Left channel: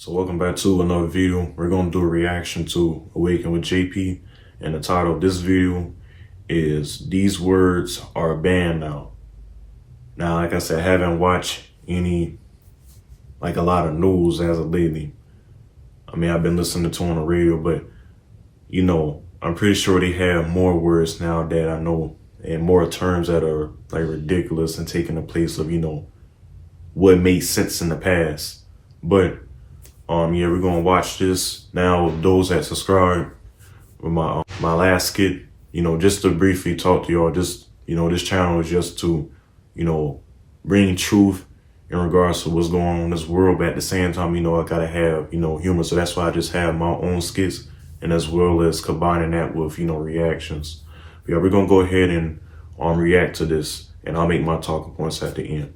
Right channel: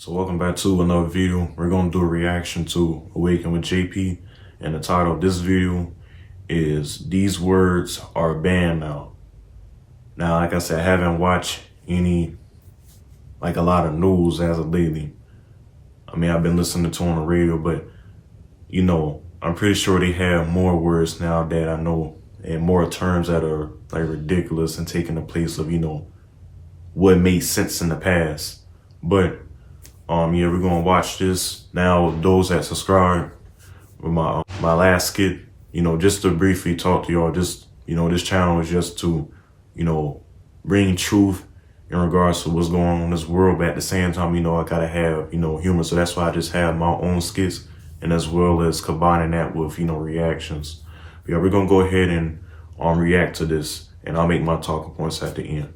So welcome back to another video. We're going to do a reaction to Awaken with JP, and the title of this video is These Words Are Banned Now. Now, like I said, I haven't watched a lot of news as of lately. I mean, I've been listening to on the radio, but I'm pretty sure they have more words now that I know, and more terms that are like ridiculous and taking the place of, what made sense in the past. But yeah, we're gonna watch this now. Those that subscribe with my last skit, just to briefly talk to y'all. Just this channel is just to, bring truth in regards to what's going on in this world. But at the same time, I gotta have humor. So that's why I just have my own skits, and as well as combining that with reactions. But yeah, we're gonna go ahead and react to this, and I'll make my talking points at the end.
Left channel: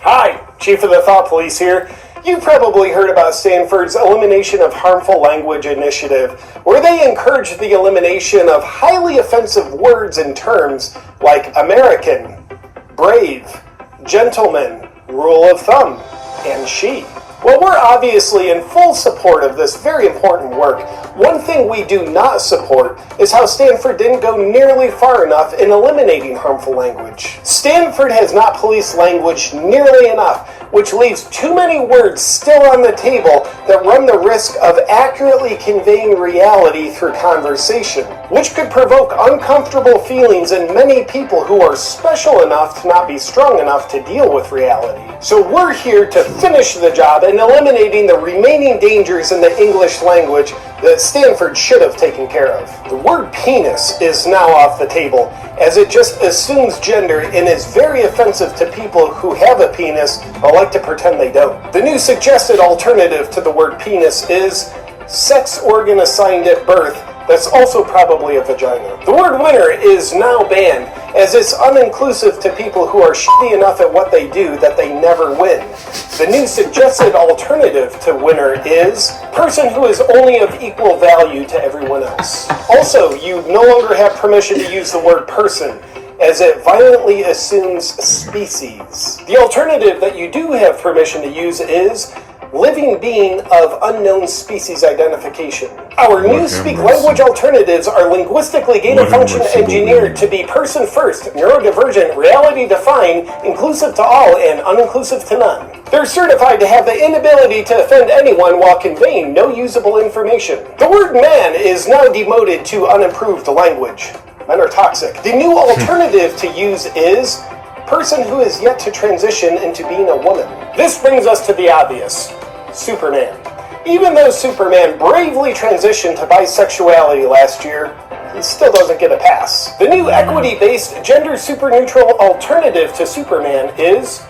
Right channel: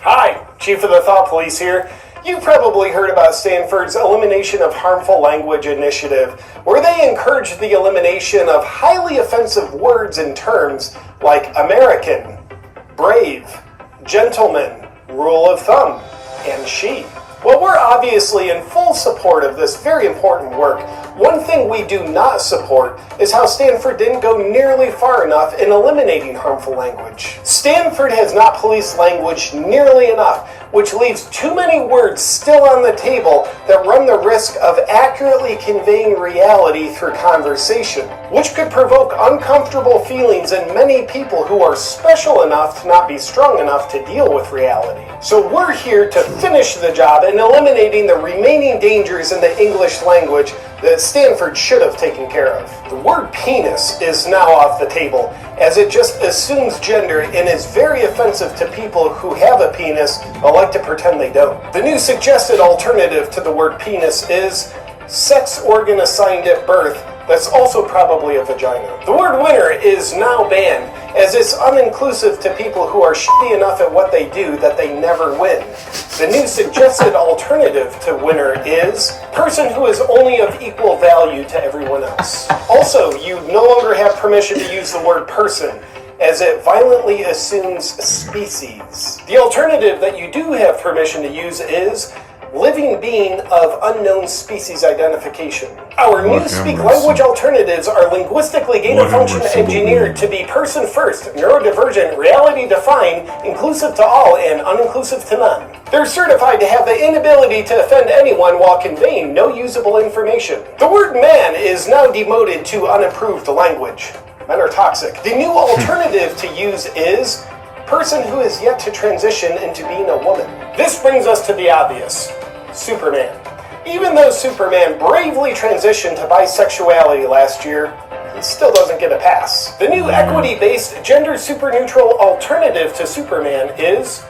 Hi, Chief of the Thought Police here. You've probably heard about Stanford's Elimination of Harmful Language initiative, where they encourage the elimination of highly offensive words and terms like American, brave, gentleman, rule of thumb, and she. Well, we're obviously in full support of this very important work. One thing we do not support is how Stanford didn't go nearly far enough in eliminating harmful language. Stanford has not policed language nearly enough, which leaves too many words still on the table that run the risk of accurately conveying reality through conversation, which could provoke uncomfortable feelings in many people who are special enough to not be strong enough to deal with reality. So we're here to finish the job in eliminating the remaining dangers in the English language that Stanford should have taken care of. The word penis is now off the table, as it just assumes gender and is very offensive to people who have a penis or like to pretend they don't. The new suggested alternative to the word penis is sex organ assigned at birth that's also probably a vagina. The word winner is now banned, as it's uninclusive to people who are shitty enough at what they do that they never win. The new suggested alternative to winner is person who is only of equal value to everyone else. Also, you no longer have permission to use the word person, as it violently assumes species. The alternative that you do have permission to use is living being of unknown species identification. Our new speak language alternatives are linguistically gain-of-function engineered to be person-first, neurodivergent, reality-defined, inclusive to all, and uninclusive to none. They're certified to have the inability to offend anyone while conveying no usable information. The word man is now demoted to unimproved language. Men are toxic. The new alternative to use is person who is yet to transition into being a woman. This brings us to the obvious. Superman. Even though Superman bravely transitioned to bisexuality last year, he still doesn't get a pass. The new equity-based, gender super-neutral alternative to Superman is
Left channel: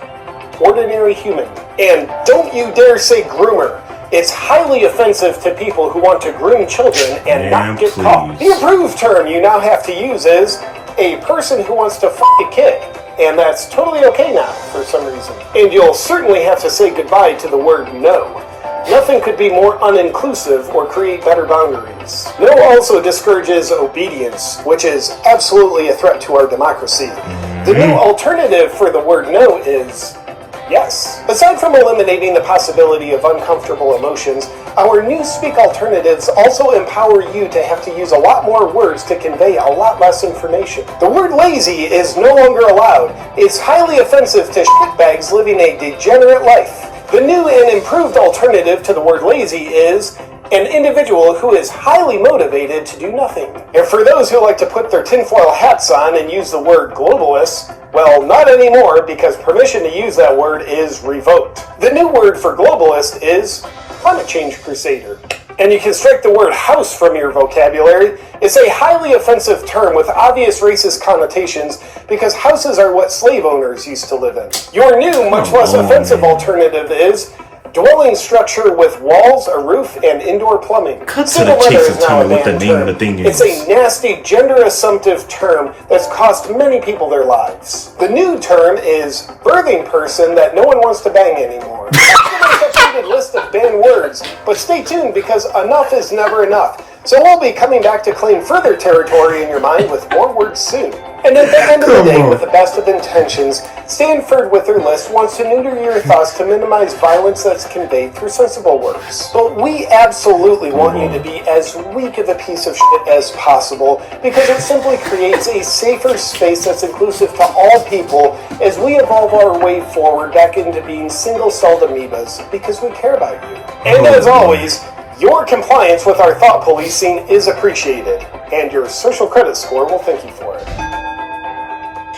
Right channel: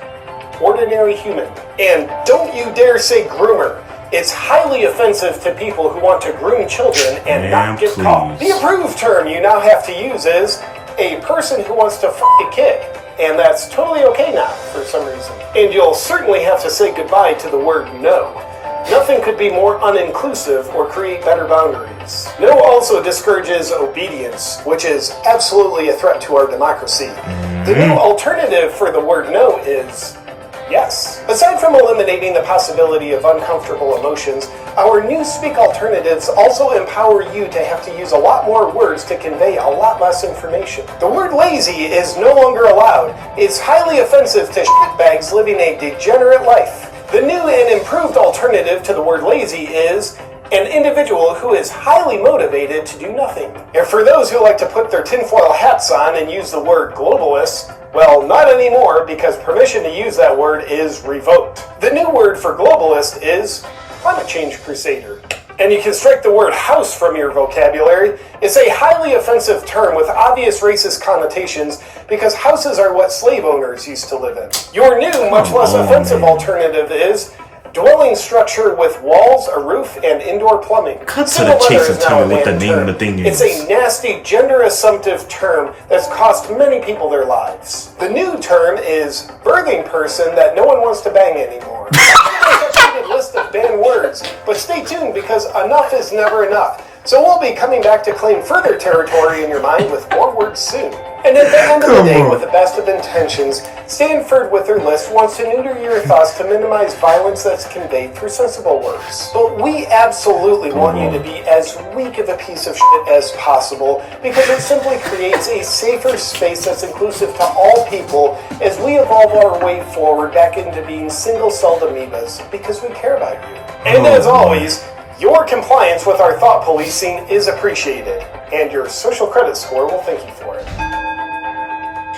ordinary human. And don't you dare say groomer. It's highly offensive to people who want to groom children and not get caught. The approved term you now have to use is a person who wants to f*** a kid. And that's totally okay now, for some reason. And you'll certainly have to say goodbye to the word no. Nothing could be more uninclusive or create better boundaries. No also discourages obedience, which is absolutely a threat to our democracy. The new alternative for the word no is yes. Aside from eliminating the possibility of uncomfortable emotions, our new speak alternatives also empower you to have to use a lot more words to convey a lot less information. The word lazy is no longer allowed. It's highly offensive to shitbags living a degenerate life. The new and improved alternative to the word lazy is an individual who is highly motivated to do nothing. And for those who like to put their tinfoil hats on and use the word globalist, well, not anymore, because permission to use that word is revoked. The new word for globalist is climate change crusader. And you can strike the word house from your vocabulary. It's a highly offensive term with obvious racist connotations because houses are what slave owners used to live in. Your new, much less offensive alternative is dwelling structure with walls, a roof, and indoor plumbing. Cut to the chase and tell me what the name of the thing is. It's a nasty, gender-assumptive term that's cost many people their lives. The new term is birthing person that no one wants to bang anymore. There's a list of banned words, but stay tuned because enough is never enough. So we'll be coming back to claim further territory in your mind with more words soon. And at the end of the day, with the best of intentions, Stanford with their list wants to neuter your thoughts to minimize violence that's conveyed through sensible words. But we absolutely want you to be as weak of a piece of shit as possible, because it simply creates a safer space that's inclusive to all people as we evolve our way forward back into being single-celled amoebas, because we care about you. And as always, your compliance with our thought policing is appreciated, and your social credit score will thank you for it.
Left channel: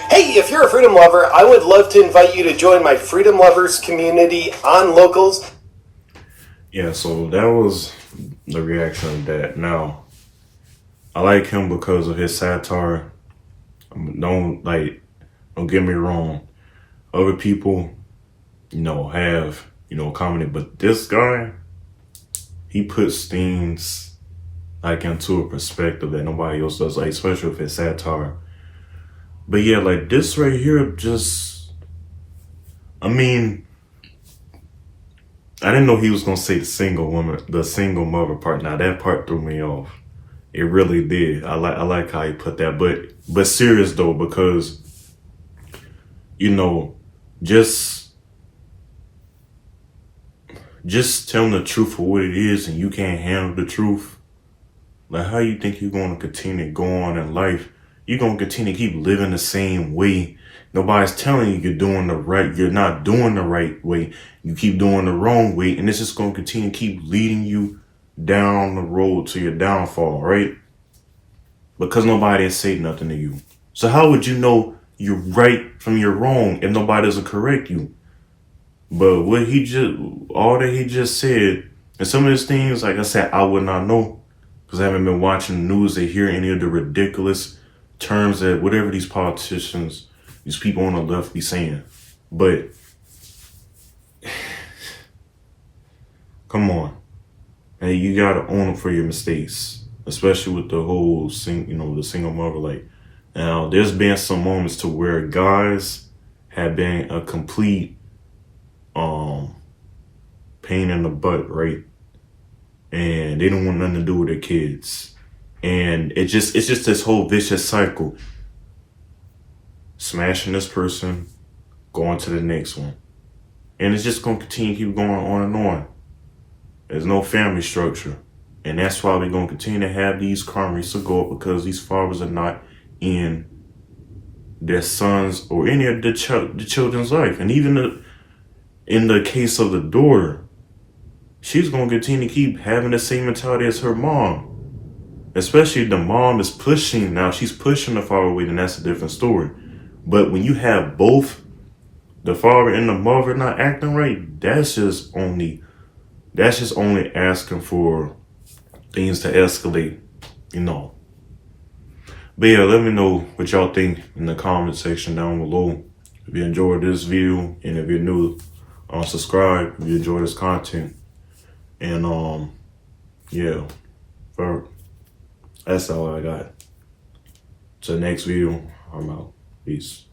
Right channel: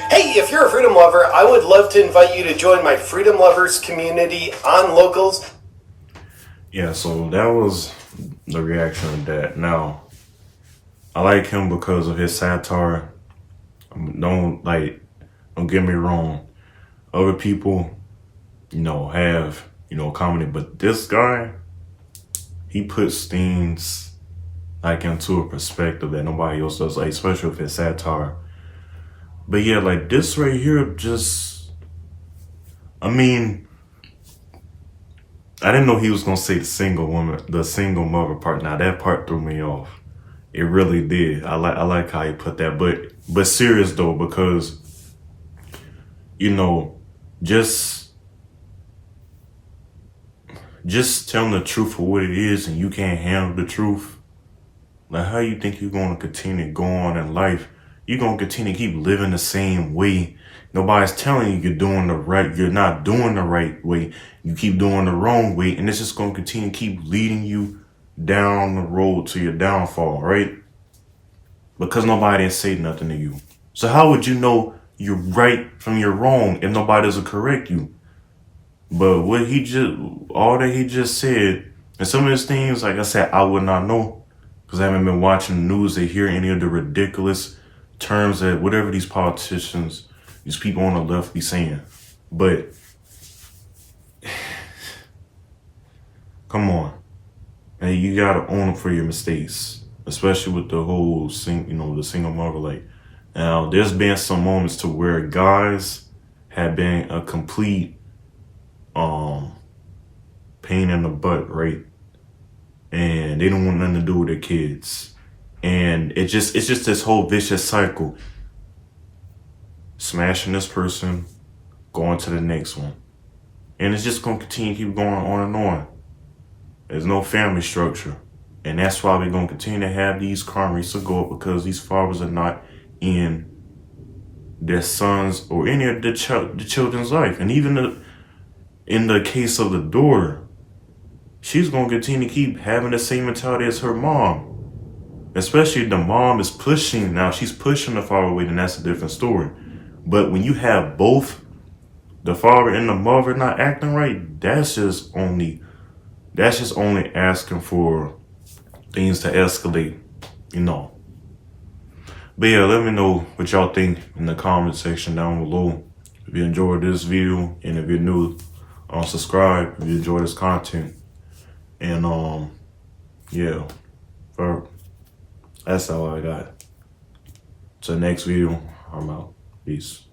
Hey, if you're a freedom lover, I would love to invite you to join my Freedom Lovers community on Locals. Yeah, so that was the reaction to that. Now, I like him because of his satire. Don't get me wrong. Other people, have, commented, but this guy, he puts things into a perspective that nobody else does, especially with his satire. But yeah, this right here, I didn't know he was gonna say the single mother part. Now that part threw me off. It really did. I like how he put that, but serious though, because just telling the truth for what it is, and you can't handle the truth. How you think you're gonna continue to go on in life? You're going to continue to keep living the same way. Nobody's telling you you're not doing the right way. You keep doing the wrong way. And it's just going to continue to keep leading you down the road to your downfall, right? Because nobody has said nothing to you. So how would you know you're right from your wrong if nobody doesn't correct you? But all that he just said, and some of his things, like I said, I would not know. Because I haven't been watching the news to hear any of the ridiculous terms that whatever these politicians, these people on the left be saying. But come on. Hey, you gotta own up for your mistakes, especially with the whole the single mother. Now there's been some moments to where guys have been a complete pain in the butt, right? And they don't want nothing to do with their kids. And it's just this whole vicious cycle. Smashing this person, going to the next one. And it's just going to continue to keep going on and on. There's no family structure. And that's why we're going to continue to have these crime rates to go up, because these fathers are not in their sons or any of the children's life. And even in the case of the daughter, she's going to continue to keep having the same mentality as her mom. Especially the mom is pushing. Now she's pushing the father away, then that's a different story. But when you have both the father and the mother not acting right, that's just only asking for things to escalate, But yeah, let me know what y'all think in the comment section down below. If you enjoyed this video, and if you're new, subscribe if you enjoy this content. And yeah, that's all I got. To the next video, I'm out. Peace.